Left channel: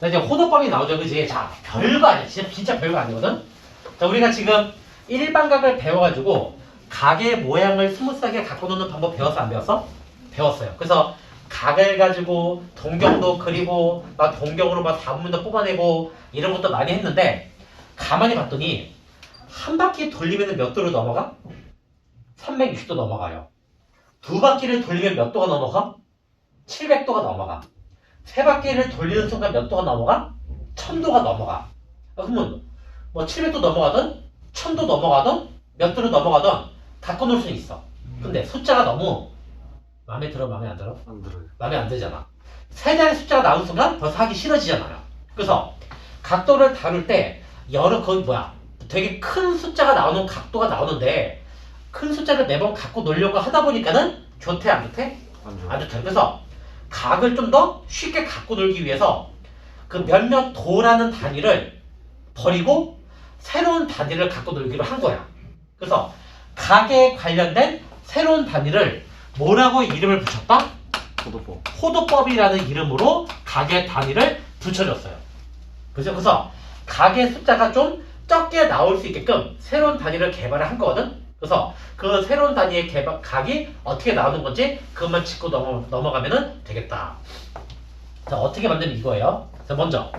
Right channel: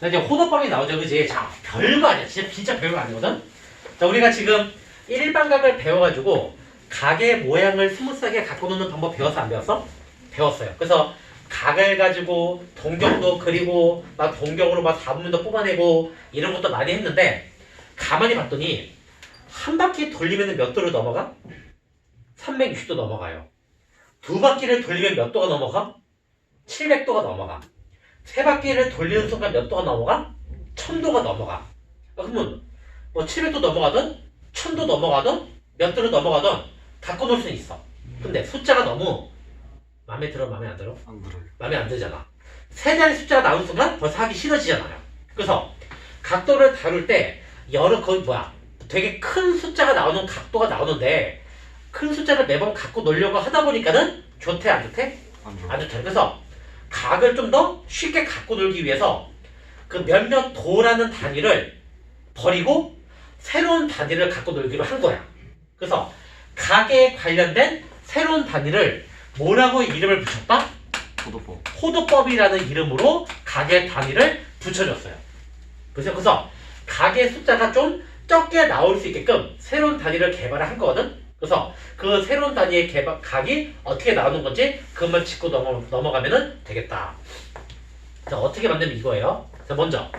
자, 이제 호도법이 나오죠, 그지? 자, 별거 아니야. 진짜 별거 아니거든? 자, 우리가 지금 일반각을 배워가지고 각의 모양을 스무스하게 갖고 노는 방법 배웠어, 안 배웠어? 배웠어요. 그래서 각을 가지고 동경도 그리고 막 동경으로 막 4분면도 뽑아내고 이런 것도 많이 했는데 가만히 봤더니 한 바퀴 돌리면 몇 도로 넘어가? 360도 넘어가요. 두 바퀴를 돌리면 몇 도가 넘어가? 700도가 넘어가. 세 바퀴를 돌리는 순간 몇 도가 넘어가? 1000도가 넘어가. 그러면 뭐 700도 넘어가든 1000도 넘어가든 몇 도로 넘어가든 갖고 놀 수는 있어. 근데 숫자가 너무 마음에 들어, 마음에 안 들어? 안 들어요. 마음에 안 들잖아. 세 자리 숫자가 나오는 순간 벌써 하기 싫어지잖아요. 그래서 각도를 다룰 때 되게 큰 숫자가 나오는 각도가 나오는데 큰 숫자를 매번 갖고 놀려고 하다 보니까는 좋대, 안 좋대? 안 좋아요. 안 좋대. 그래서 각을 좀 더 쉽게 갖고 놀기 위해서 그 몇몇 도라는 단위를 버리고 새로운 단위를 갖고 놀기로 한 거야. 그래서 각에 관련된 새로운 단위를 뭐라고 이름을 붙였다? 호도법. 호도법이라는 이름으로 각의 단위를 붙여줬어요. 그래서 각의 숫자가 좀 적게 나올 수 있게끔 새로운 단위를 개발을 한 거거든. 그래서 그 새로운 단위의 각이 어떻게 나오는 건지 그것만 짚고 넘어가면 되겠다. 자, 어떻게 만들면 이거예요. 자, 먼저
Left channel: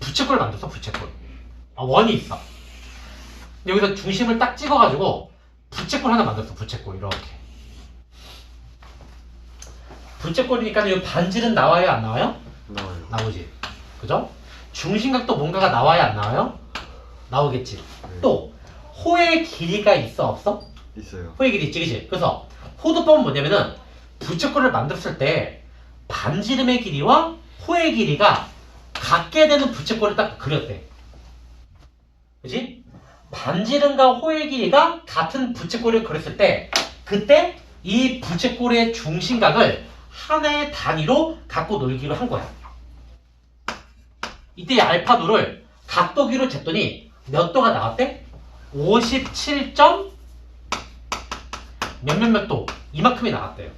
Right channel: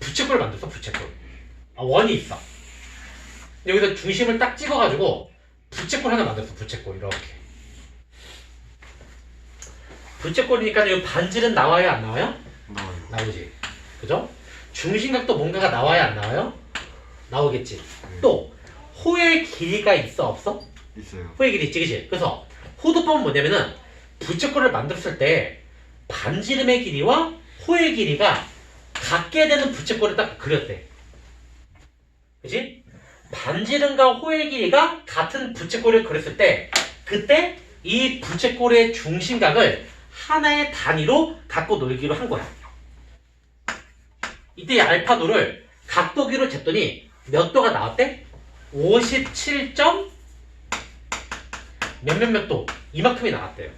부채꼴을 만들었어. 부채꼴. 원이 있어. 여기서 중심을 딱 찍어가지고 부채꼴 하나 만들었어. 부채꼴 이렇게. 부채꼴이니까 여기 반질은 나와요, 안 나와요? 나와요. 나오지. 그죠? 중심각도 뭔가가 나와야 안 나와요? 나오겠지. 네. 또 호의 길이가 있어, 없어? 있어요. 호의 길이 있지, 그치? 그래서 호도법은 뭐냐면은 부채꼴을 만들었을 때 반지름의 길이와 호의 길이가 같게 되는 부채꼴을 딱 그렸대. 그치? 반지름과 호의 길이가 같은 부채꼴을 그렸을 때 그때 이 부채꼴의 중심각을 하나의 단위로 갖고 놀기로 한 거야. 이때 알파도를 각도기로 쟀더니 몇 도가 나왔대? 57점 몇몇몇 도 이만큼이 나왔대요.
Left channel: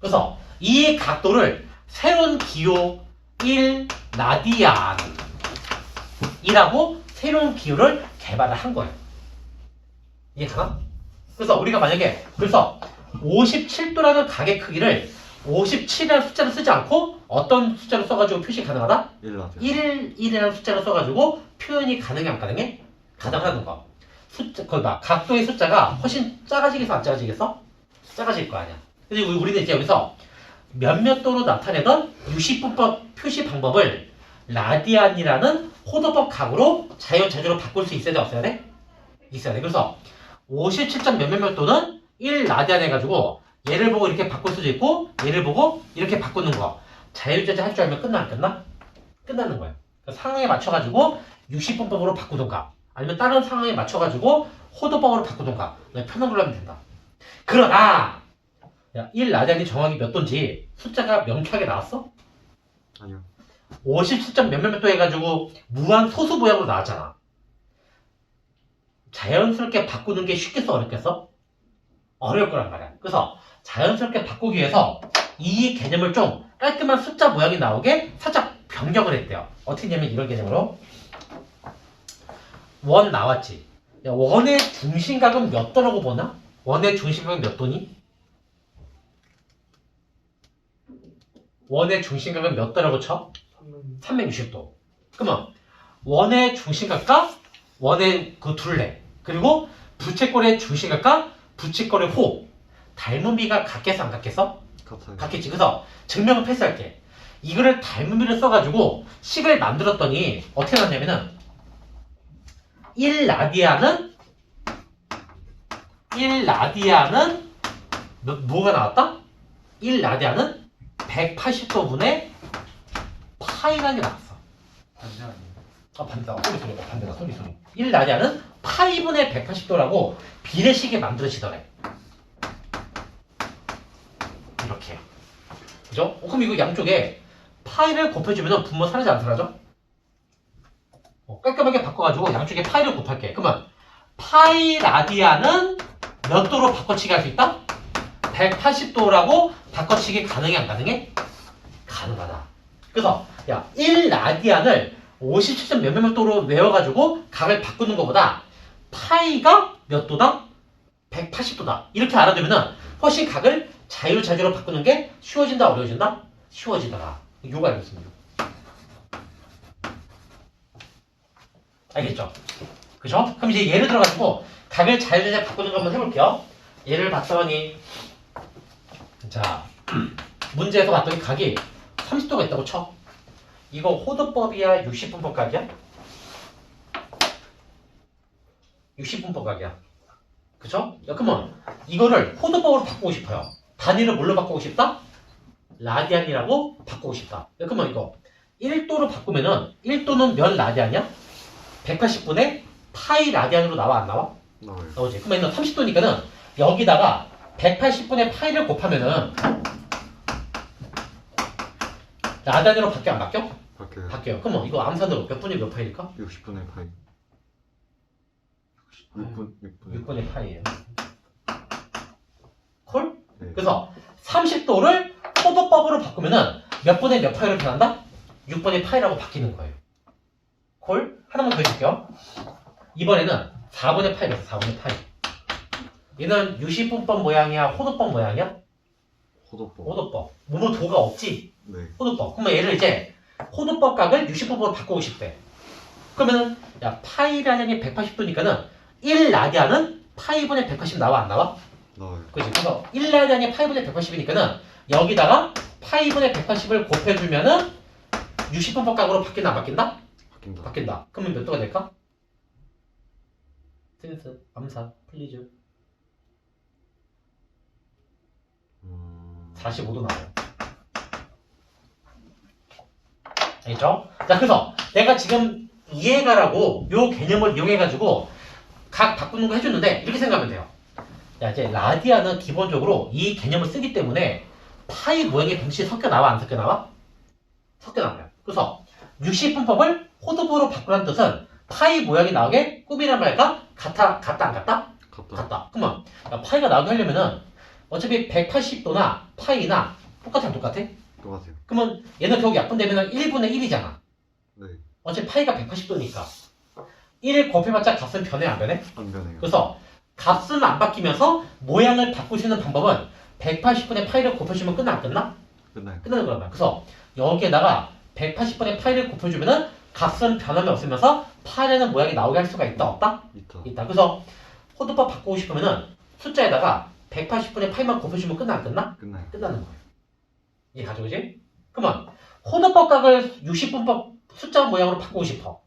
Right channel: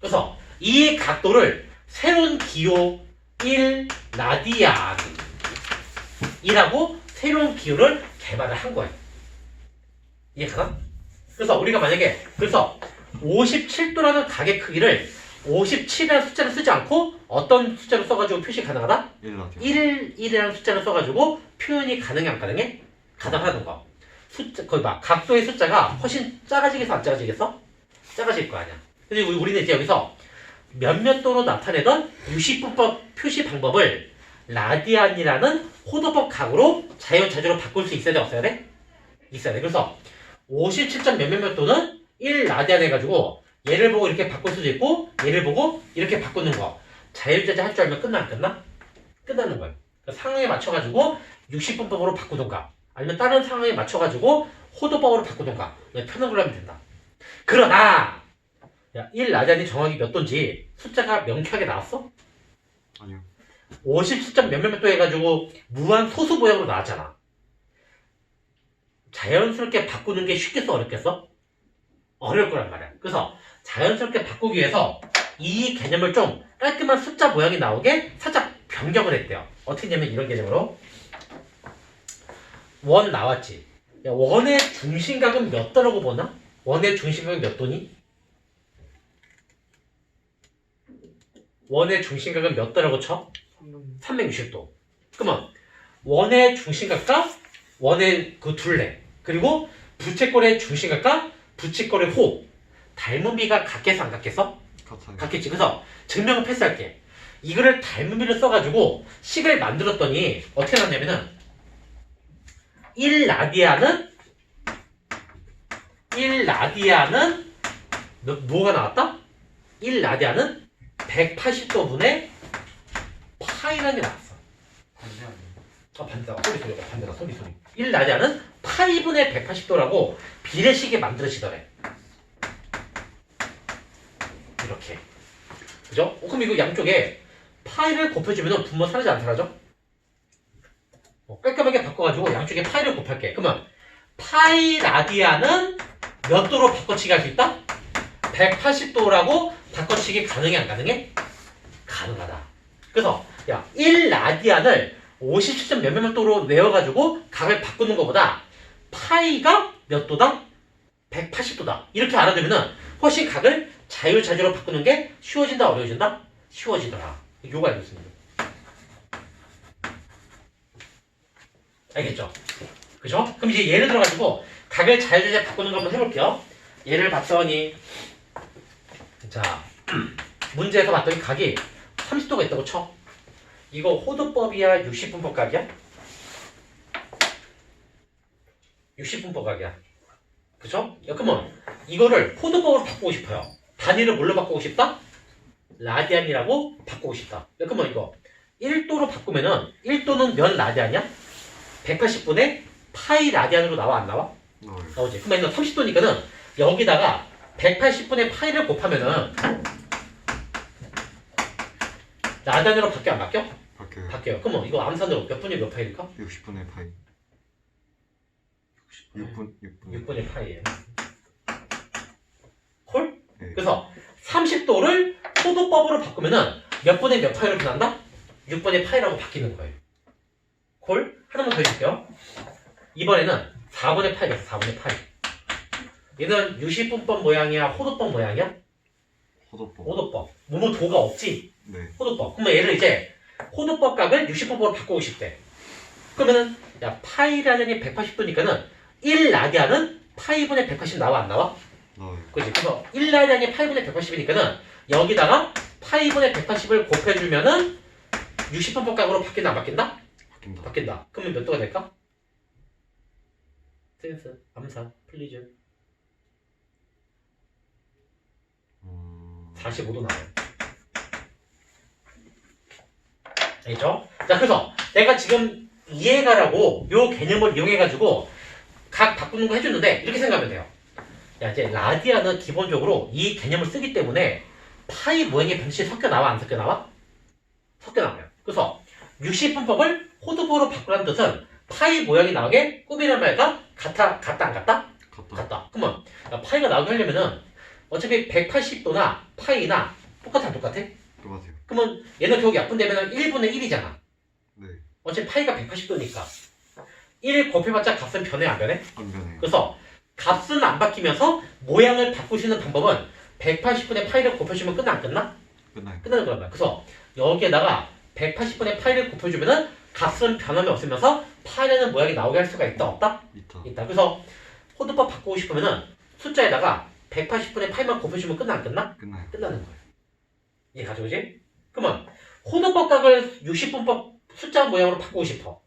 그래서 이 각도를 새로운 기호 1 라디안이라고 새로운 기호를 개발을 한 거예요. 이해가나? 그래서 우리가 만약에 57도라는 각의 크기를 57이라는 숫자를 쓰지 않고 어떤 숫자를 써가지고 표시 가능하다? 1라디오. 1이라는 숫자를 써가지고 표현이 가능해, 안 가능해? 가능하다는 거. 거기 봐. 각도의 숫자가 훨씬 작아지겠어, 안 작아지겠어? 작아질 거 아니야. 그래서 우리는 이제 여기서 몇몇 도로 나타내던 유시분법 표시 방법을 라디안이라는 호도법 각으로 자유자재로 바꿀 수 있어야 돼, 없어야 돼? 있어야 돼. 그래서 57점 몇몇몇 도는 1 라디안 해가지고 얘를 보고 이렇게 바꿀 수도 있고 얘를 보고 이렇게 바꾸는 거. 자유자재 할 줄 알면 끝나, 안 끝나? 끝나는 거예요. 상황에 맞춰가지고 60분법으로 바꾸던가 아니면 다른 상황에 맞춰가지고 호도법으로 바꾸던가 그냥 편한 걸로 하면 된다. 그러나 1 라디안이 정확히 몇 도인지 숫자가 명쾌하게 나왔어? 아니요. 57점 몇몇몇 도 해가지고 무한 소수 모양으로 나왔잖아. 자연스럽게 바꾸는 게 쉽겠어, 어렵겠어? 어려울 거란 말이야. 그래서 자연스럽게 바꾸기 위해서 이 개념을 좀 깔끔한 숫자 모양이 나오게 살짝 변경을 했대요. 어떻게 하냐면 이런 개념으로 원 나왔지. 야, 원의 중심각은 몇 도라고 보나? 원의 중심각은 몇 도니? 원의 중심각은 몇 도라고 쳐? 360도. 그러면 원의 중심각과 원의 그 둘레 그리고 부채꼴의 중심각과 부채꼴의 호 닮은 비가 같겠어, 안 같겠어? 같아요. 같겠지. 그래서 증명을 패스할게. 이거를 닮은 비를 써가지고 식을 만들었더니 어떻게 났냐면은 1 라디안은 뭐가 나왔다? 1 라디안은 180도분의 파이라는 게 나왔어. 반대다. 소리. 1 라디안은 파이분의 180도라고 비례식이 만들어지더래. 이렇게. 그죠? 그럼 이거 양쪽에 파이를 곱해주면 분모 사라져, 안 사라져? 깔끔하게 바꿔가지고 양쪽에 파이를 곱할게. 그러면 파이 라디안은 몇 도로 바꿔치기 할 수 있다? 180도라고 바꿔치기 가능해, 안 가능해? 가능하다. 그래서 야 1라디안을 57점 몇몇 도로 외워가지고 각을 바꾸는 것보다 파이가 몇 도다? 180도다. 이렇게 알아두면은 훨씬 각을 자유자재로 바꾸는 게 쉬워진다, 어려워진다? 쉬워지더라. 이거 알겠습니다. 알겠죠? 그죠? 그럼 이제 예를 들어가지고 각을 자유자재 바꾸는 거 한번 해볼게요. 예를 봤더니 자 문제에서 봤더니 각이 30도가 있다고 쳐. 이거 호도법이야 60분법 각이야? 60분법 각이야. 그죠? 야, 그러면 이거를 호도법으로 바꾸고 싶어요. 단위를 뭘로 바꾸고 싶다? 라디안이라고 바꾸고 싶다. 야, 그러면 이거 1도로 바꾸면은 1도는 몇 라디안이야? 180분의 파이 라디안으로 나와 안 나와? 나와요. 나오지. 그러면 30도니까는 여기다가 180분의 파이를 곱하면은 라디안으로 바뀌어 안 바뀌어? 바뀌어요. 바뀌어요. 그러면 이거 암산으로 몇 분의 몇 파이일까? 60분의 파이. 6분 6분의 파이예요. 콜? 네. 그래서 30도를 호도법으로 바꾸면은 몇 분의 몇 파이로 변한다? 6분의 파이라고 바뀌는 거예요. 콜? 하나만 더 해줄게요. 이번에는 4분의 파이래서 4분의 파이. 얘는 유시분법 모양이야? 호도법 모양이야? 호도법. 호도법. 뭐뭐 도가 없지? 네. 호도법. 그러면 얘를 이제 호도법 각을 60분법으로 바꾸고 싶대. 그러면은 야 파이라는이 180도니까는 1라디안은 파이분의 180 나와 안 나와? 나와요. 그치? 그래서 1라디안이 파이분의 180이니까는 여기다가 파이분의 180을 곱해주면은 60분법 각으로 바뀐다 안 바뀐다? 바뀐다. 바뀐다. 그러면 몇 도가 될까? 센스, 암산, 플리즈 45도 나와요. 알겠죠? 자, 그래서 내가 지금 이해가라고 요 개념을 이용해가지고 각 바꾸는 거 해줬는데 이렇게 생각하면 돼요. 야, 이제 라디안은 기본적으로 이 개념을 쓰기 때문에 파이 모양의 변식이 섞여 나와 안 섞여 나와? 섞여 나와요. 그래서 60분법을 호도법으로 바꾸라는 뜻은 파이 모양이 나오게 꾸미란 말과 같다 안 같다? 같다. 같다. 그러면 야, 파이가 나오게 하려면은 어차피 180도나 파이나 똑같아 안 똑같아? 똑같아요. 그러면 얘는 결국 약분되면 1분의 1이잖아. 네. 어차피 파이가 180도니까 1 곱해봤자 값은 변해 안 변해? 안 변해요. 그래서 값은 안 바뀌면서 모양을 바꾸시는 방법은 180분의 파이를 곱해주면 끝나 안 끝나? 끝나요. 끝나는 거란 말이야. 그래서 여기에다가 180분의 파이를 곱해주면은 값은 변함이 없으면서 파이라는 모양이 나오게 할 수가 있다 없다? 있다. 있다. 그래서 호도법 바꾸고 싶으면은 숫자에다가 180분의 파이만 곱해주면 끝나 안 끝나? 끝나요. 끝나는 거예요. 이해 가죠, 그지? 그러면 호도법 각을 60분법 숫자 모양으로 바꾸고 싶어.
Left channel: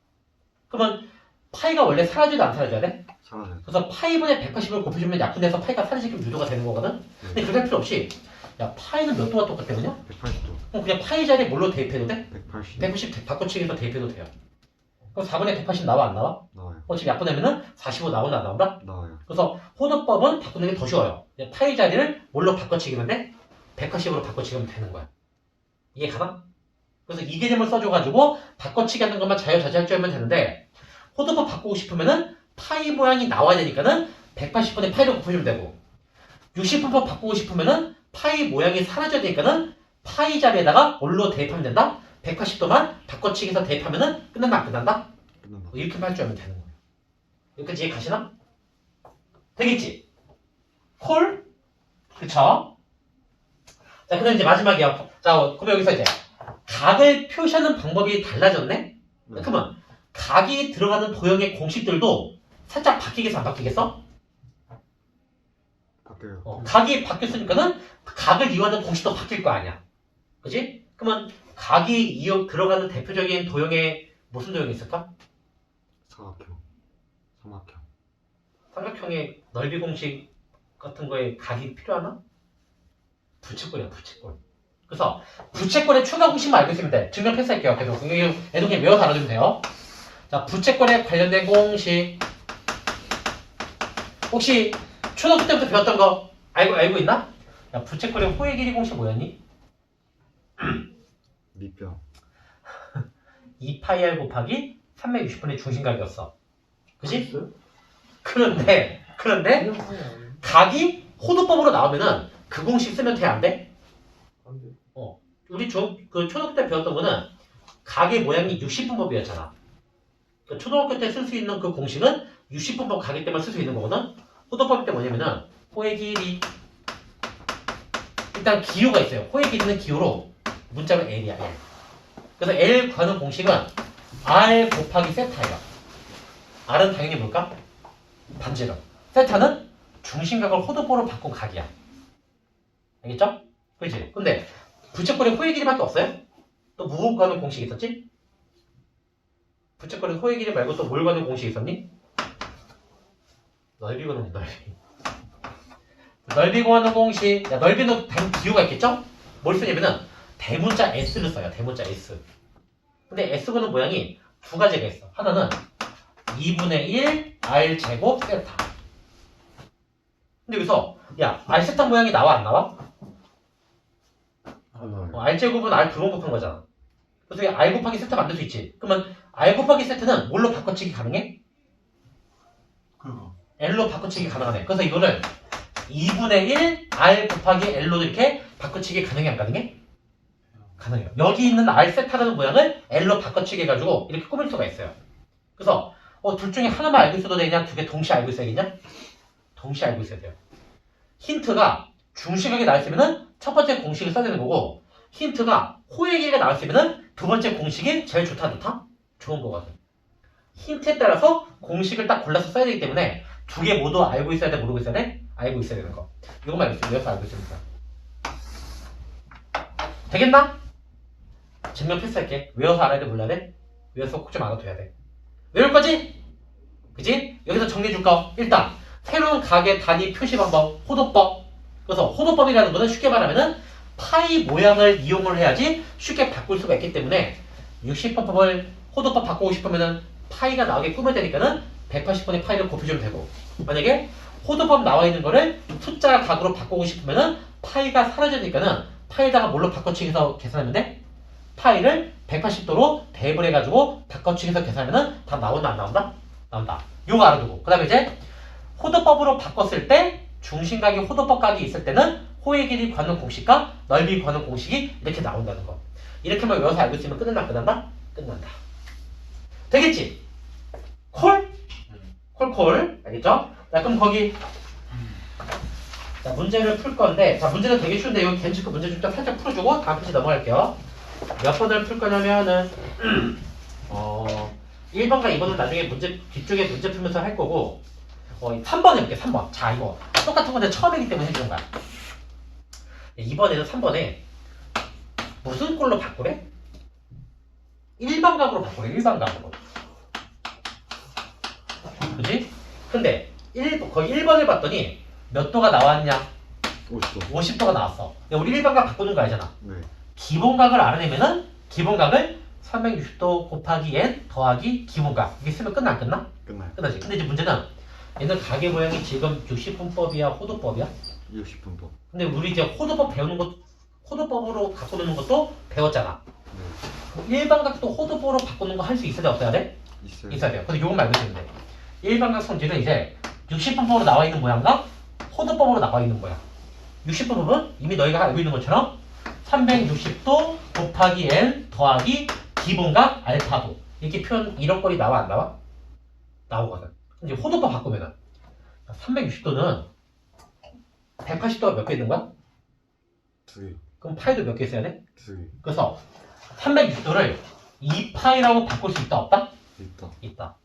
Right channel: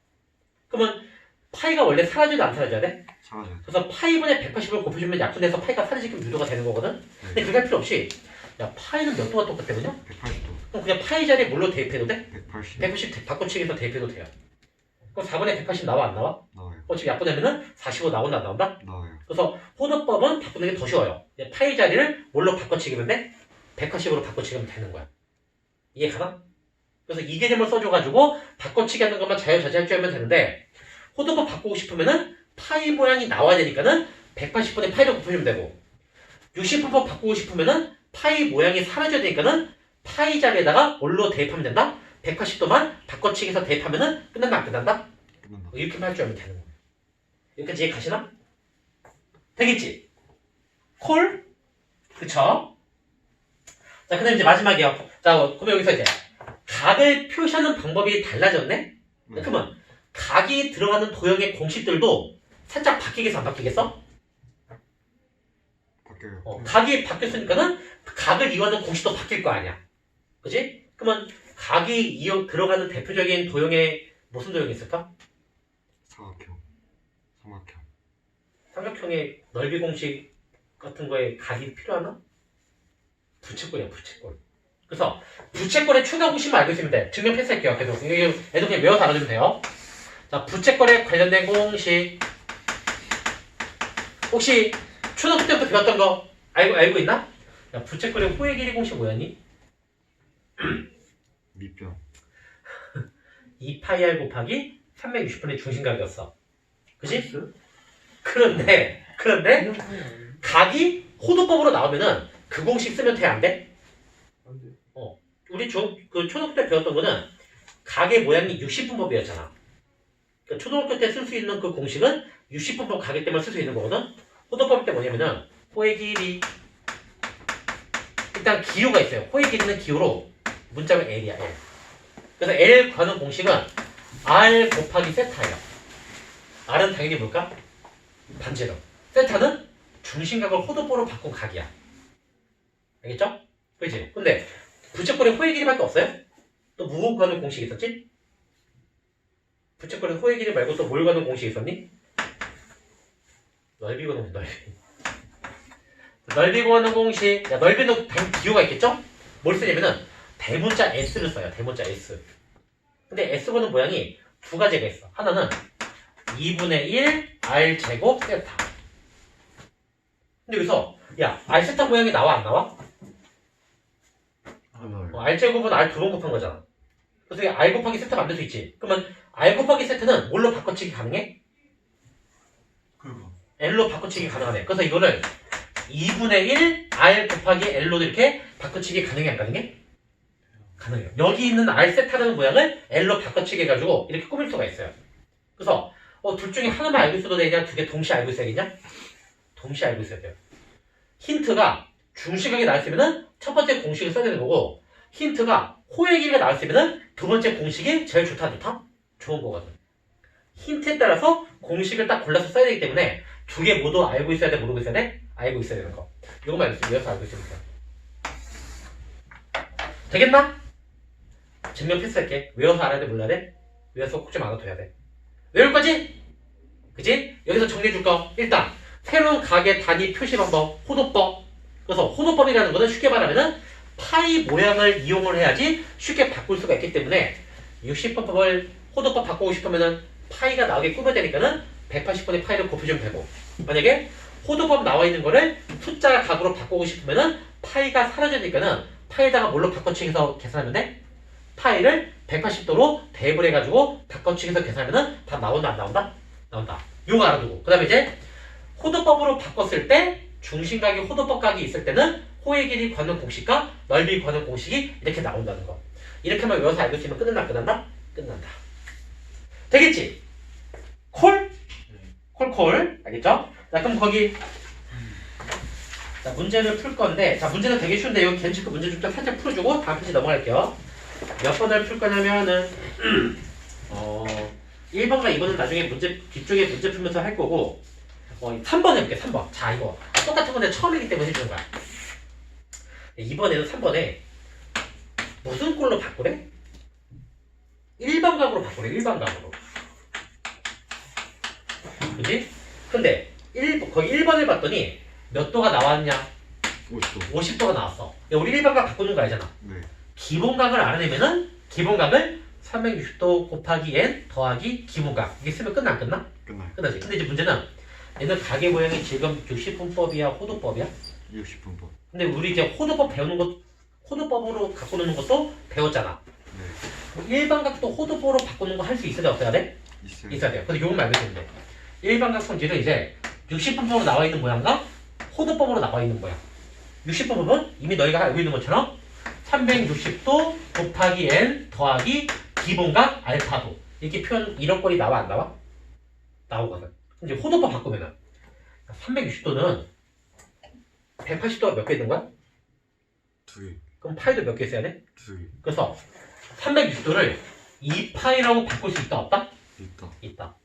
그러면 파이가 원래 사라져도 안 사라져야 돼? 사라져요. 그래서 파이분의 180을 곱해주면 약분해서 파이가 사라지게 유도가 되는 거거든? 근데 네. 그렇게 할 필요 없이 야 파이는 몇 도가 똑같거든요? 180도. 그럼 그냥 파이 자리에 뭘로 대입해도 돼? 180. 180 바꿔치기해서 대입해도 돼요. 그럼 4분의 180 나와 안 나와? 나와요. 어차피 약분하면은 45 나온다 안 나온다? 나와요. 그래서 호도법은 바꾸는 게 더 쉬워요. 파이 자리를 뭘로 바꿔치기면 돼? 180으로 바꿔치기면 되는 거야. 이해 가나? 그래서 이 개념을 써줘가지고 바꿔치기 하는 것만 자유자재할 줄 알면 되는데 호도법 바꾸고 싶으면은 파이 모양이 나와야 되니까는 180분의 파이를 곱해주면 되고 60분법 바꾸고 싶으면은 파이 모양이 사라져야 되니까는 파이 자리에다가 뭘로 대입하면 된다? 180도만 바꿔치기해서 대입하면은 끝난다 안 끝난다? 끝난다. 이렇게만 할 줄 알면 되는 거예요. 여기까지 이해 가시나? 되겠지? 콜? 그쵸? 자, 그 다음 이제 마지막이야. 자, 그럼 여기서 이제 각을 표시하는 방법이 달라졌네? 네. 그러면 각이 들어가는 도형의 공식들도 살짝 바뀌겠어 안 바뀌겠어? 바뀌어요. 각이 바뀌었으니까는 각을 이용하는 공식도 바뀔 거 아니야. 그지? 그러면 각이 들어가는 대표적인 도형에 무슨 도형이 있을까? 사각형. 삼각형. 삼각형의 넓이 공식 같은 거에 각이 필요하나? 부채꼴이야 부채꼴. 그래서 부채꼴의 추가 공식만 알고 있으면 돼. 증명 패스할게요. 계속 애들 그냥 외워서 알아두면 돼요. 자, 부채꼴에 관련된 공식 혹시 초등학교 때부터 배웠던 거 알고 있나? 야, 부채꼴의 호의 길이 공식 뭐였니? 밑변. 2파이r 곱하기 360분의 중심각이었어. 그치? 그런데 각이 호도법으로 나오면은 그 공식 쓰면 돼 안 돼? 안 돼. 우리 그 초등학교 때 배웠던 거는 각의 모양이 60분법이었잖아. 그러니까 초등학교 때 쓸 수 있는 그 공식은 60분법 각일 때만 쓸 수 있는 거거든. 호도법일 때 뭐냐면은 호의 길이 일단 기호가 있어요. 호의 길이는 기호로 문자로 L이야. L. 그래서 L 구하는 공식은 R 곱하기 세타예요. R은 당연히 뭘까? 반지름. 세타는 중심각을 호도법으로 바꾼 각이야. 알겠죠? 그렇지? 근데 부채꼴에 호의 길이밖에 없어요? 또 무엇 구하는 공식 있었지? 부채꼴에 호의 길이 말고 또 뭘 구하는 공식 있었니? 넓이 구하는 넓이. 넓이 구하는 공식. 야, 넓이는 기호가 있겠죠? 뭘 쓰냐면은 대문자 S를 써요. 대문자 S. 근데 S 구하는 모양이 두 가지가 있어. 하나는 2분의 1 R 제곱 세타. 근데 여기서 야 R 세타 모양이 나와 안 나와? 안 나와요. R 제곱은 R 두 번 곱한 거잖아. 그래서 R 곱하기 세타 만들 수 있지. 그러면 R 곱하기 세타는 뭘로 바꿔치기 가능해? 그거. L로 바꿔치기 가능하네. 그래서 이거를 2분의 1 R 곱하기 L로 이렇게 바꿔치기 가능해 안 가능해? 가능해요. 여기 있는 R 세타라는 모양을 L로 바꿔치기 해가지고 이렇게 꾸밀 수가 있어요. 그래서 둘 중에 하나만 알고 있어도 되냐? 두 개 동시에 알고 있어야겠냐? 동시에 알고 있어야 돼요. 힌트가 중심각이 나왔으면은 첫 번째 공식을 써야 되는 거고, 힌트가 호의 길이가 나왔으면은 두 번째 공식이 제일 좋다 좋다? 좋은 거거든. 힌트에 따라서 공식을 딱 골라서 써야 되기 때문에 두 개 모두 알고 있어야 돼? 모르고 있어야 돼? 알고 있어야 되는 거. 이것만 외워서 알고 있으면 돼요. 되겠나? 증명 패스할게. 외워서 알아야 돼? 몰라야 돼? 외워서 꼭 좀 알아둬야 돼. 외울 거지? 그지? 여기서 정리해 줄 거. 일단 새로운 각의 단위 표시 방법, 호도법. 그래서 호도법이라는 거는 쉽게 말하면은 파이 모양을 이용을 해야지 쉽게 바꿀 수가 있기 때문에 60번법을 호도법 바꾸고 싶으면은 파이가 나오게 꾸며야 되니까는 180번의 파이를 곱해주면 되고, 만약에 호도법 나와 있는 거를 숫자 각으로 바꾸고 싶으면은 파이가 사라지니까는 파이에다가 뭘로 바꿔치기해서 계산하면 돼? 파이를 180도로 대입을 해가지고 바꿔치기해서 계산하면은 답 나온다 안 나온다? 나온다. 요거 알아두고, 그 다음에 이제 호도법으로 바꿨을 때 중심각이 호도법 각이 있을 때는 호의 길이 구하는 공식과 넓이 구하는 공식이 이렇게 나온다는 거. 이렇게만 외워서 알고 있으면 끝난다 안 끝난다? 끝난다. 되겠지? 콜? 콜. 알겠죠? 자, 그럼 거기 자, 문제를 풀 건데, 자, 문제는 되게 쉬운데 여기 괜찮고 문제 좀 살짝 풀어주고 다음 페이지 넘어갈게요. 몇 번을 풀 거냐면은 1번과 2번은 나중에 문제 뒤쪽에 문제 풀면서 할 거고, 3번 해볼게. 3번. 자, 이거 똑같은 건데 처음이기 때문에 해주는 거야. 이번에는 3번에 무슨 꼴로 바꾸래? 일반각으로 바꾸래. 일반각으로. 그지? 근데 거기 1번을 봤더니 몇 도가 나왔냐? 50도. 50도가 나왔어. 야, 우리 일반각 바꾸는 거 알잖아. 네. 기본각을 알아내면은 기본각을 360도 곱하기 n 더하기 기본각. 이게 쓰면 끝나 안 끝나? 끝나요. 끝나지. 근데 이제 문제는 얘는 각의 모양이 지금 60분법이야, 호도법이야? 60분법. 근데 우리 이제 호도법 배우는 것, 호도법으로 바꾸는 것도 배웠잖아. 네. 일반각도 호도법으로 바꾸는 거 할 수 있어야 돼, 없어야 돼? 있어요. 있어야 돼요. 근데 요건 말고 있으면 돼. 일반각 성질은 이제 60분법으로 나와 있는 모양과 호도법으로 나와 있는 모양. 60분법은 이미 너희가 알고 있는 것처럼 360도 곱하기 n 더하기 기본각 알파도. 이렇게 표현, 이런 꼴이 나와 안 나와? 나오거든. 이제 호도법 바꾸면은 360도는 180도가 몇 개 있는 거야? 2개. 그럼 파이도 몇 개 써야 돼? 2개. 그래서 360도를 2파이라고 바꿀 수 있다 없다? 있다. 있다.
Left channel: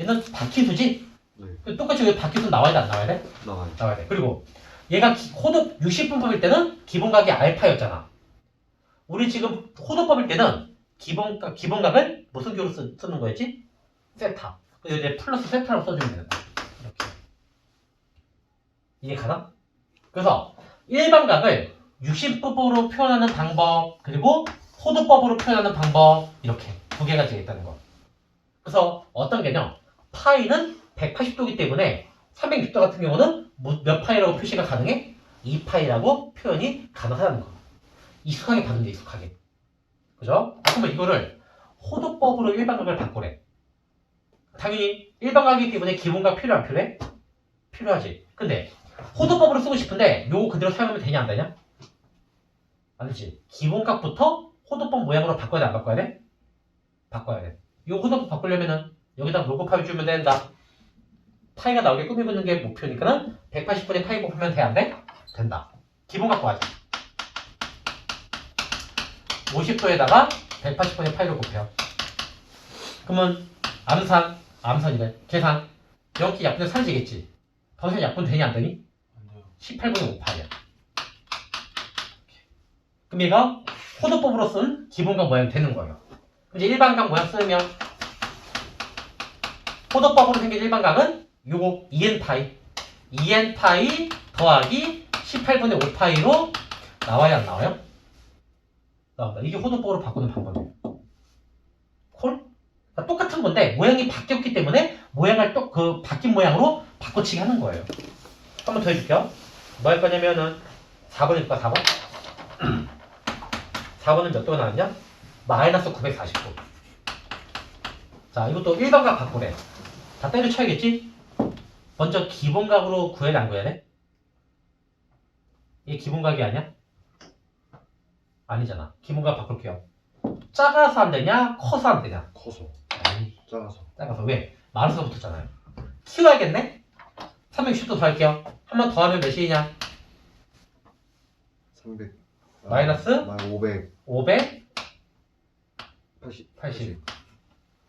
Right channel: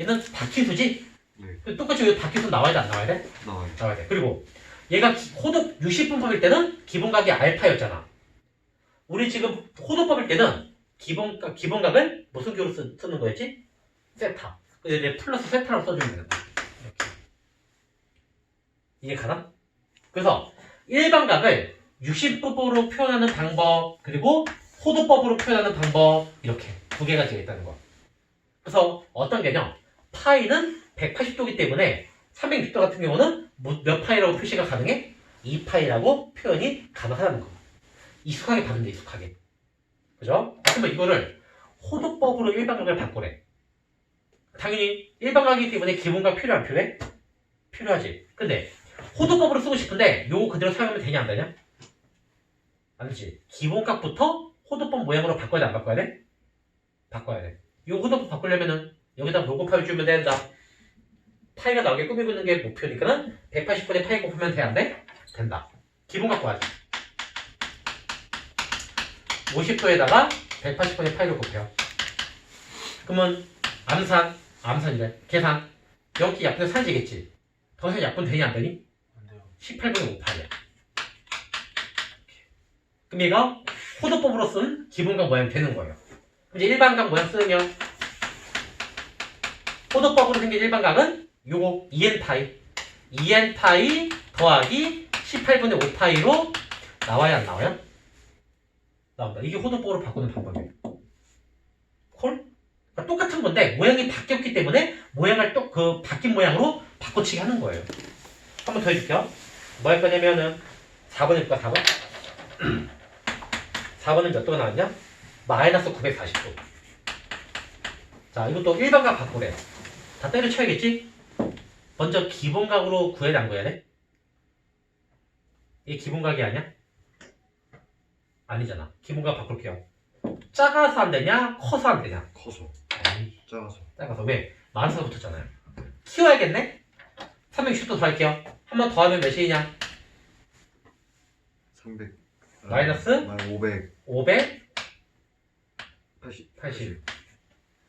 얘는 바퀴수지? 네. 똑같이 여기 바퀴수 나와야 돼 안 나와야 돼? 나와요. 나와야 돼. 그리고 얘가 호도 60분법일 때는 기본각이 알파였잖아. 우리 지금 호도법일 때는 기본각을 무슨 기호로 쓰는 거였지? 세타. 그래서 이제 플러스 세타로 써주면 된다. 이렇게. 이해 가나? 그래서 일반각을 60분법으로 표현하는 방법, 그리고 호도법으로 표현하는 방법, 이렇게 두 개가 있다는 거. 그래서 어떤 개념? 파이는 180도이기 때문에 360도 같은 경우는 몇 파이라고 표시가 가능해? 2파이라고 표현이 가능하다는 거. 익숙하게 봤는데 익숙하게. 그죠? 그러면 이거를 호도법으로 일반각을 바꾸래. 당연히 일반각이기 때문에 기본각 필요 안 필요해? 필요하지. 근데 호도법으로 쓰고 싶은데 요거 그대로 사용하면 되냐 안 되냐? 아니지. 기본값부터 호도법 모양으로 바꿔야 돼, 안 바꿔야 돼? 바꿔야 돼. 요 호도법 바꾸려면은 여기다 요거 파이 주면 된다. 파이가 나오게 꾸미고 있는 게 목표니까는 180분의 파이 곱하면 돼, 안 돼? 된다. 기본값 구하자. 50도에다가 180분의 파이를 곱해요. 그러면 암산이래. 계산. 여기 약분의 3이겠지. 더해서 약분 되니 안 되니? 안 돼요. 18분의 5파이야. 그럼 얘가 호도법으로 쓴 기본각 모양이 되는 거예요. 이제 일반각 모양 쓰면 호도법으로 생긴 일반각은 요거 2n파이 2n파이 더하기 18분의 5파이로 나와야 안 나와요? 나온다. 이게 호도법으로 바꾸는 방법이에요. 콜? 그러니까 똑같은 건데 모양이 바뀌었기 때문에 모양을 또 그 바뀐 모양으로 바꿔치기 하는 거예요. 한 번 더 해줄게요. 뭐 할 거냐면은 4번일까 4번? 4번은 몇 도가 나왔냐? 마이너스 940도. 자, 이것도 일반각 바꾸래. 다 때려쳐야겠지? 먼저 기본각으로 구해야 돼, 안 구해야 돼? 이게 기본각이 아니야? 아니잖아. 기본각 바꿀게요. 작아서 안 되냐? 커서 안 되냐? 커서 아니, 작아서 작아서. 왜? 마이너스가 붙었잖아요. 키워야겠네? 360도 더 할게요. 한 번 더 하면 몇이냐? 300 마이너스? 500 500, 80 80.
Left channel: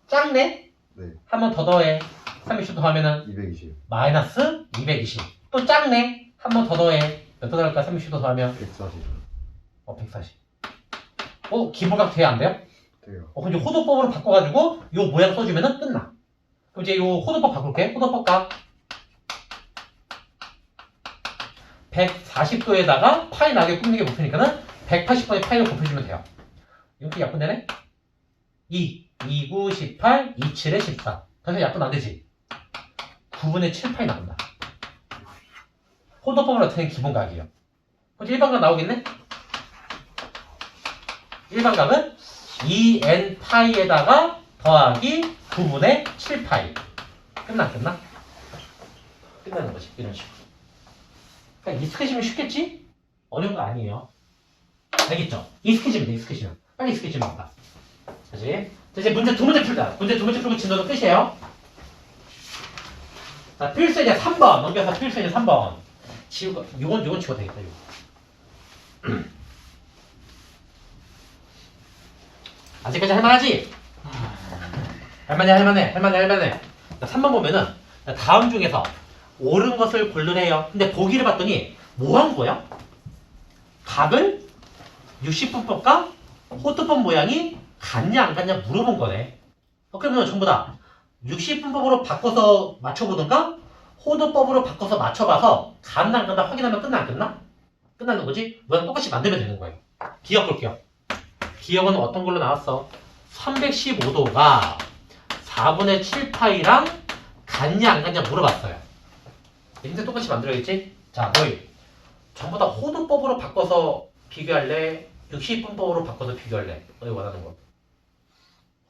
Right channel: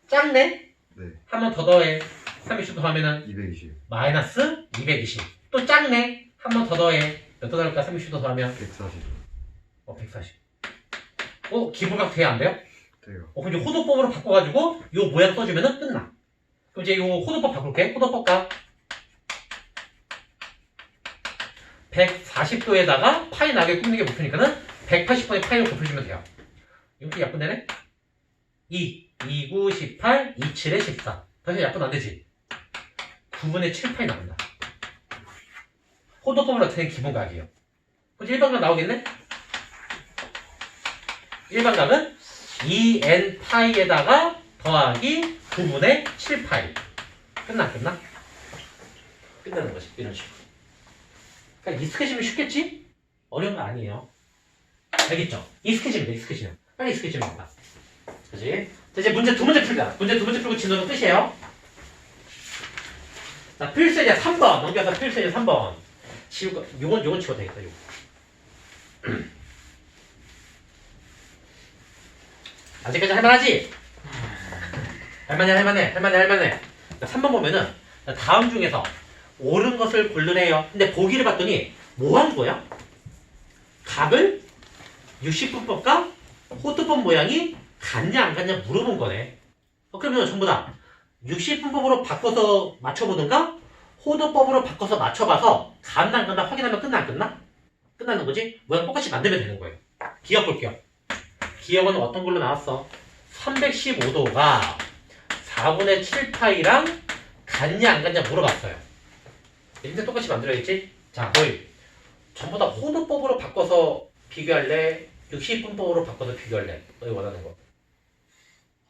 작네? 네 한 번 더 더해. 360도 하면은 220 마이너스 220. 또 작네? 한 번 더 더해. 몇 도 나올까? 30도 더하면 140 140. 기본각 돼야 안 돼요? 돼요. 그럼 이제 호도법으로 바꿔가지고 요 모양 써주면은 끝나. 그럼 이제 요 호도법 바꿀게. 호도법각 140도에다가 파이 나게 꾸미는 게 목표니까는 180번의 파이를 곱해주면 돼요. 이렇게 약분되네? 2, 2, 9, 18, 2, 7에 14. 다시 약분 안 되지? 9분의 7파이 나온다. 호도법으로 나타낸 기본각이에요. 그럼 일반각 나오겠네? 일반각은 2n 파이에다가 더하기 9분의 7파이. 끝나? 끝나는 거지. 이런 식으로. 그러니까 익숙해지면 쉽겠지? 어려운 거 아니에요. 알겠죠? 익숙해지면. 빨리 익숙해지면 된다. 그지? 이제 문제 두 문제 풀자. 문제 두 문제 풀고 진도는 끝이에요. 자, 필수제 3번. 넘겨서 필수제 3번. 요건 지워도 되겠다, 요거. 아직까지 할만하지? 할만해. 자, 3번 보면은 다음 중에서 옳은 것을 고르래요. 근데 보기를 봤더니 뭐 한 거야? 각을 60분법과 호두법 모양이 같냐 안 같냐 물어본 거네. 그러면 전부 다 60분법으로 바꿔서 맞춰보든가 호두법으로 바꿔서 맞춰봐서 같나 안 같나 확인하면 끝나 안 끝나? 끝나는 거지? 모양 똑같이 만들면 되는 거예요. 기억 볼게요. 기억은 어떤 걸로 나왔어? 315도가 4분의 7파이랑 같냐 안 같냐 물어봤어요. 이제 똑같이 만들어야겠지? 자, 너희 전부 다 호도법으로 바꿔서 비교할래? 60분법으로 바꿔서 비교할래? 너희 원하는 거.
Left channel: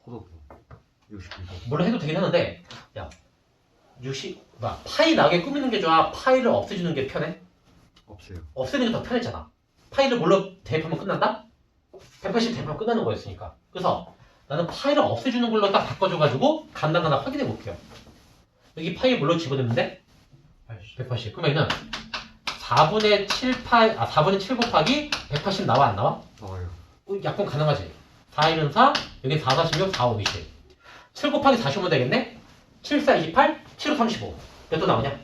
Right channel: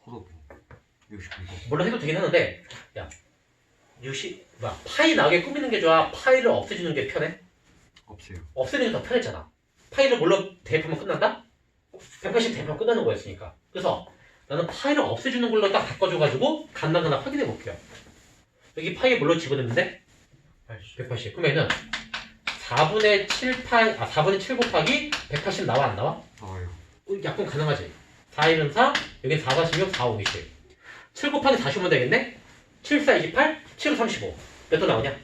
호도법 60분법 물론 해도 되긴 하는데, 야, 파이 나게 꾸미는 게 좋아? 파이를 없애주는 게 편해? 없애요. 없애는 게 더 편했잖아. 파이를 뭘로 대입하면 끝난다? 180 대입하면 끝나는 거였으니까. 그래서 나는 파이를 없애주는 걸로 딱 바꿔줘가지고 간단하나 확인해 볼게요. 여기 파이 뭘로 집어넣는데? 180. 그러면은 4분의 7 곱하기 180 나와 안 나와? 나와요. 약분 가능하지? 4이면 4, 여긴 4, 46, 4, 5, 20. 7 곱하기 45면 되겠네? 7, 4, 28, 7, 5, 35. 몇 도 나오냐?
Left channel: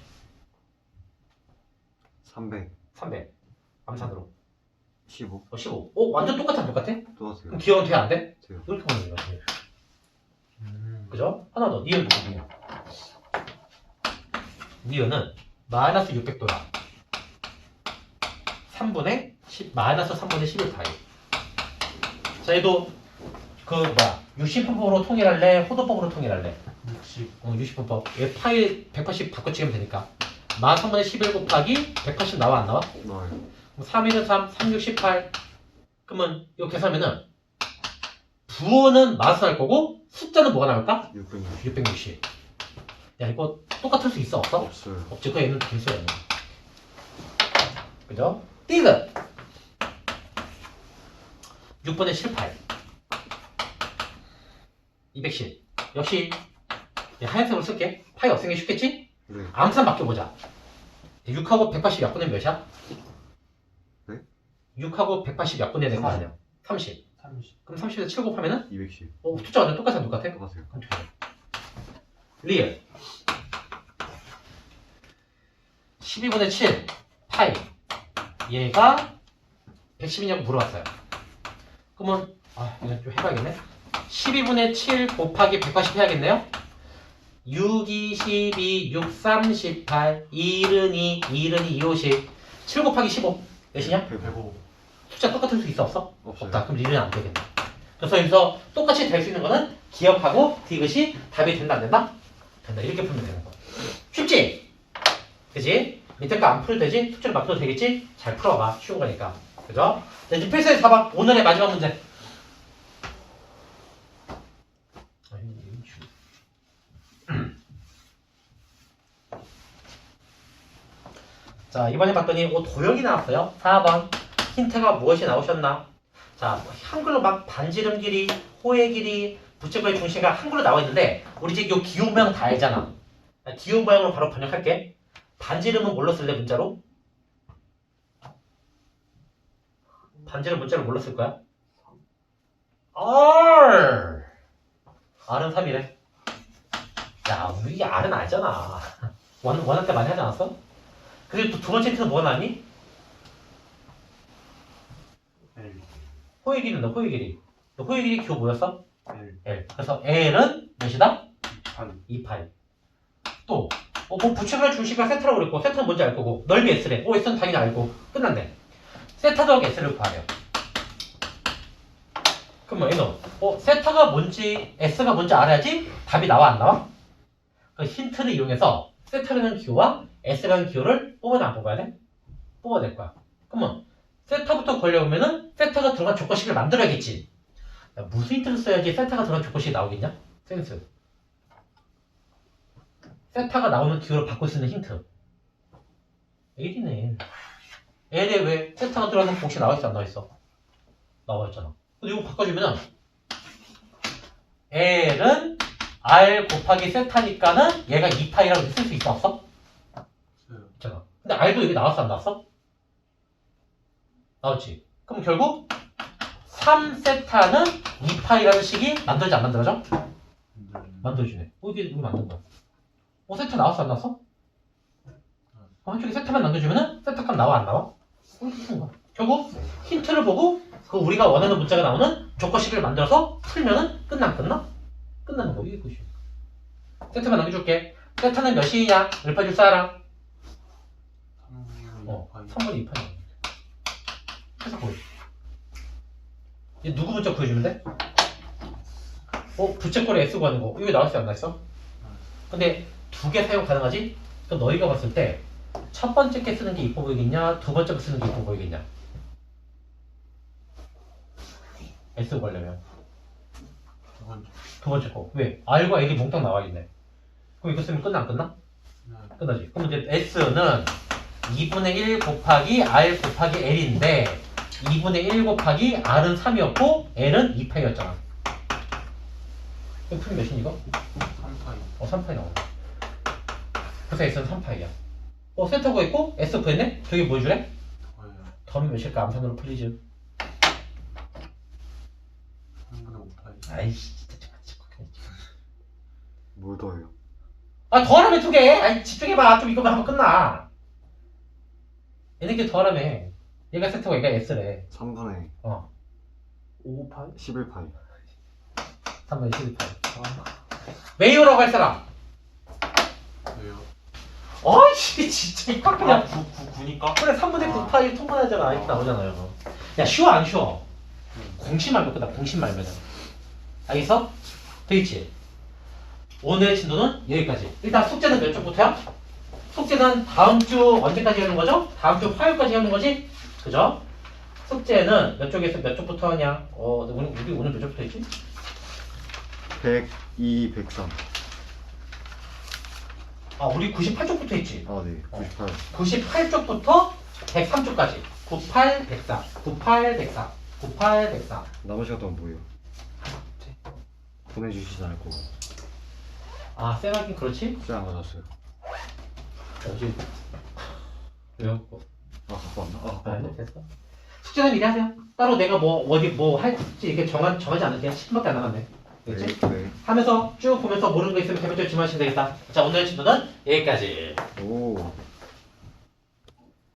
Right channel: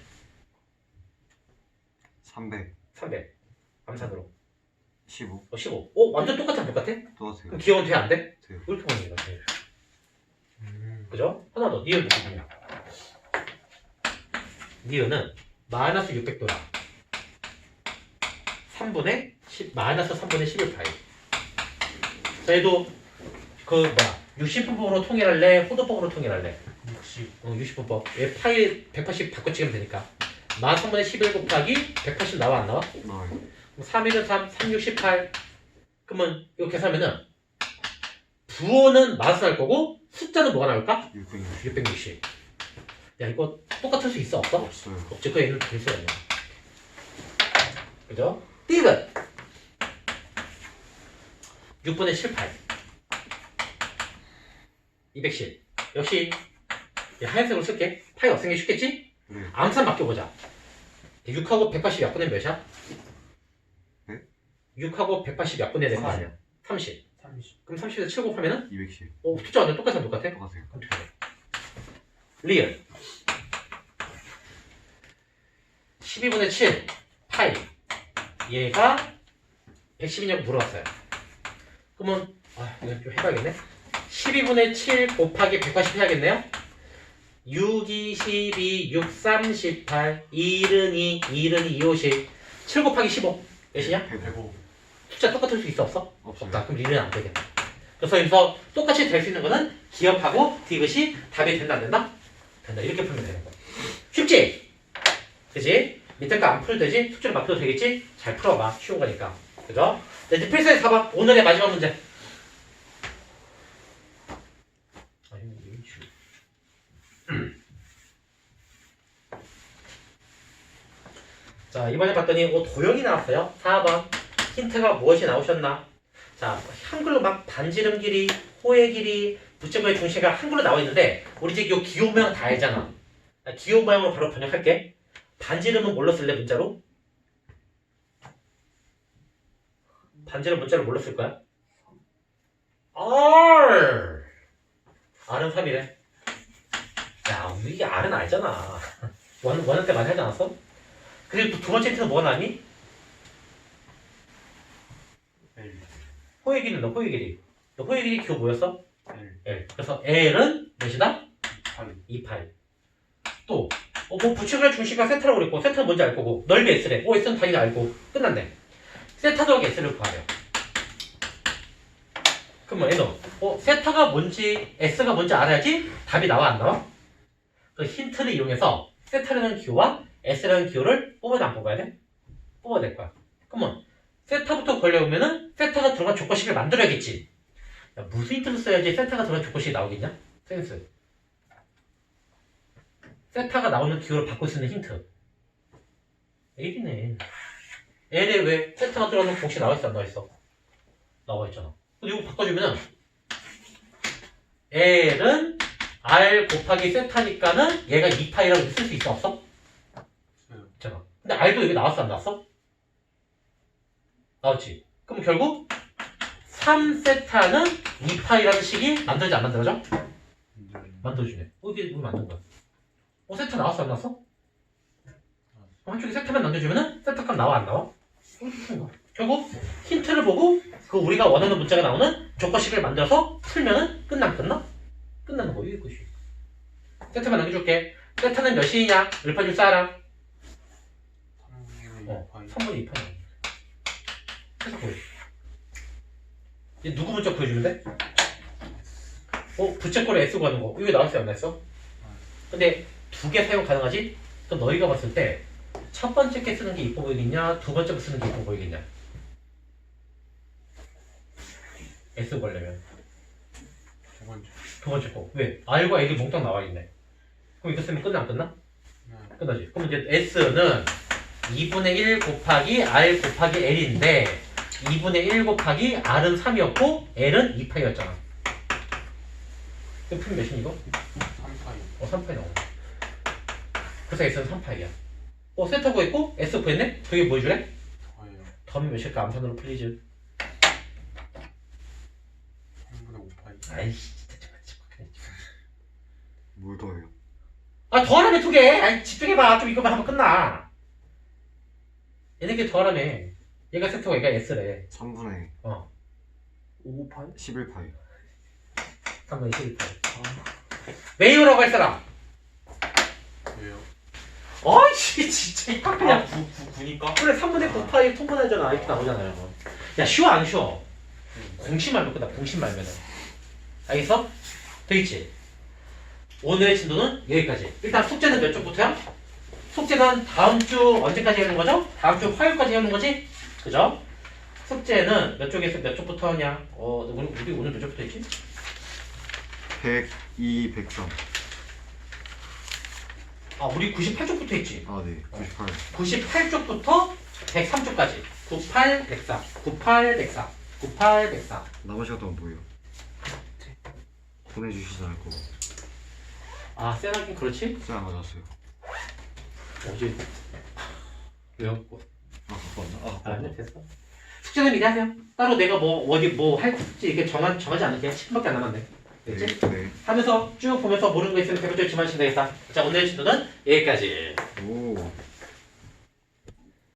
300 300. 암산으로. 15 15. 완전 똑같아, 똑같아? 똑같아요. 그럼 기억은 돼, 안 돼? 돼요. 이렇게 보는 거야. 그죠? 하나 더. 니은 보시면. 니은은 마이너스 600도라. 3분의 10, 마이너스 3분의 11파이. 자, 얘도 60분법으로 통일할래? 호도법으로 통일할래? 60분법. 얘 파이 180 바꿔치기면 되니까. 마이너스 3분의 11 곱하기 180 나와 안 나와? 나와요. 그럼 3, 1은 3, 3, 6, 18. 그러면 이렇게 계산하면은 부호는 마이너스 날 거고 숫자는 뭐가 나올까? 660 660. 야, 이거 똑같을 수 있어? 없어? 없어요. 없지. 그 얘는 됐어요. 그죠? 띠긋. 6분의 7 파이 210 역시 하얀색으로 쓸게. 파이 없애는 게 쉽겠지? 네. 암산 맡겨보자. 6하고 180 약분의 몇이야? 네? 6하고 180 약분의 낸거 아니야? 30. 30. 그럼 30에서 7 곱하면은 210. 숫자 완전 똑같아? 똑같아요. 리얼 12분의 7 파이 얘가 110이냐고 물어봤어요. 그러면 이거 좀 해봐야겠네. 12분의 7 곱하기 180 해야겠네요. 6, 2, 12, 6, 3, 18 1은 2, 1은 2, 50 7 곱하기 15 몇이냐? 105. 숫자 똑같을 수 있어 없어? 없어요. 없다. 그럼 리는 안 되겠네. 그래서 여기서 똑같이 될 수 있는 거는 기억하고 디귿이 답이 된다 안 된다? 된다. 이렇게 풀면 되는 거. 쉽지? 그치? 밑에 거 안 풀어도 되지? 숙제를 맡겨도 되겠지? 잘 풀어봐. 쉬운 거니까. 그죠? 자, 이제 필수에서 봐봐. 오늘의 마지막 문제. 자, 이번에 봤더니 도형이 나왔어요. 4번. 힌트가 무엇이 나오셨나? 자, 한글로 막 반지름 길이, 호의 길이, 부채꼴의 중심가 한글로 나와 있는데 우리 이제 이 기호 모양 다 알잖아. 기호 모양으로 바로 번역할게. 반지름은 뭘로 쓸래 문자로? 반지름 문자로 뭘로 쓸 거야? R. R은 3이래. 야, 우리 이게 R은 알잖아. 원할 때 많이 하지 않았어? 그리고 또 두 번째 힌트는 뭐가 나니? L. 호의 길이는 호의 길이. 호의 길이 기호 뭐였어? L. L. 그래서 L은 몇이다? 8. 28. 또, 뭐 부채꼴의 중심가 세타라고 그랬고, 세타는 뭔지 알 거고, 넓이 S래. S는 당연히 알고, 끝났네. 세타 더하기 S를 구하래요. 그럼 뭐, 얘는, 세타가 뭔지, S가 뭔지 알아야지 답이 나와, 안 나와? 그 힌트를 이용해서 세타라는 기호와 S라는 기호를 뽑아야 안 뽑아야 돼? 뽑아야 될 거야. 그러면, 세타부터 걸려오면은, 세타가 들어간 조건식을 만들어야겠지. 야, 무슨 힌트를 써야지 세타가 들어간 조건식이 나오겠냐? 센스. 세타가 나오는 기호를 바꿀 수 있는 힌트. L이네. L에 왜 세타가 들어가는 공식 나와있어 안 나와있어? 나와있잖아. 근데 이거 바꿔주면은 L은 R 곱하기 세타니까는 얘가 2파이라고 쓸 수 있어 없어? 있잖아. 근데 R도 여기 나왔어 안 나왔어? 나왔지. 그럼 결국 3세타는 2파이라는 식이 만들어지 안 만들어져? 만들어지네. 이게 만든 거야. 세타 나왔어 안 나왔어? 한쪽에 세타만 남겨주면은 세타 값 나와 안 나와? 이렇게 푸는 거야. 결국 힌트를 보고 그 우리가 원하는 문자가 나오는 조건식을 만들어서 풀면은 끝나는 거. 이것이. 세타만 남겨줄게. 세타는 몇이냐? 몇 파일 줄 알아? 3분의 2파이. 해서 보여. 이제 누구 문자 구해주면 돼? 부채꼴에 S 구하는 거. 이거 나왔어 안 나왔어? 근데 두 개 사용 가능하지? 그럼 너희가 봤을 때 첫 번째 게 쓰는 게 이뻐 보이겠냐? 두 번째 거 쓰는 게 이뻐 보이겠냐? S 구하려면 두 번째 거. 왜? R과 L이 몽땅 나와 있네. 그럼 이거 쓰면 끝나 안 끝나? 끝나지. 그럼 이제 S는 2분의 1 곱하기 R 곱하기 L인데 2분의 1 곱하기 R은 3이었고 L은 2파이였잖아. 이거 풀면 몇이니 이거? 3파이. 3파이 나오네. 그래서 S는 3파이야. 세타 구했고 S 구했네? 저게 뭐 해주래? 더하면 몇일까? 암산으로 플리즈. 3분의 5파이. 아이씨 진짜 뭘 더해요? 더하라며 두 개! 집중해봐. 좀 이거만 하면 끝나. 얘네 게 더하라며. 얘가 세타고 얘가 S래. 3분의 5파이? 11파이. 3분의 12파이. 왜요라고 할 사람? 왜요? 진짜 이거 그냥 9니까? 그래 3분의 9파이 통분하잖아. 이렇게 나오잖아요. 야 쉬워 안 쉬워? 공식 말면 끝나. 공식 말면은. 알겠어? 되겠지? 오늘의 진도는 여기까지. 일단 숙제는 몇 쪽부터야? 숙제는 다음 주 언제까지 하는 거죠? 다음 주 화요일까지 하는 거지? 그죠? 숙제는 몇 쪽에서 몇 쪽부터 하냐? 우리 오늘 몇 쪽부터 했지? 102, 103. 우리 98쪽부터 했지? 네. 98. 98쪽부터 103쪽까지. 98, 104. 98, 104. 9, 8, 104. 나머지 갔다 오면 뭐예요? 보내주시지 않을 거고. 아, 쌤하긴 그렇지? 쌤안 가져왔어요. 어제 왜요? 아 갖고 왔나? 아 갖고 아니 왔나? 됐어. 숙제는 미리 하세요. 따로 내가 뭐 어디 뭐 할지 이렇게 정하지 않을게. 10분밖에 안 남았네. 됐지? 네. 하면서 쭉 보면서 모르는 거 있으면 대표 질문하시면 되겠다. 자, 오늘의 진도는 여기까지. 오.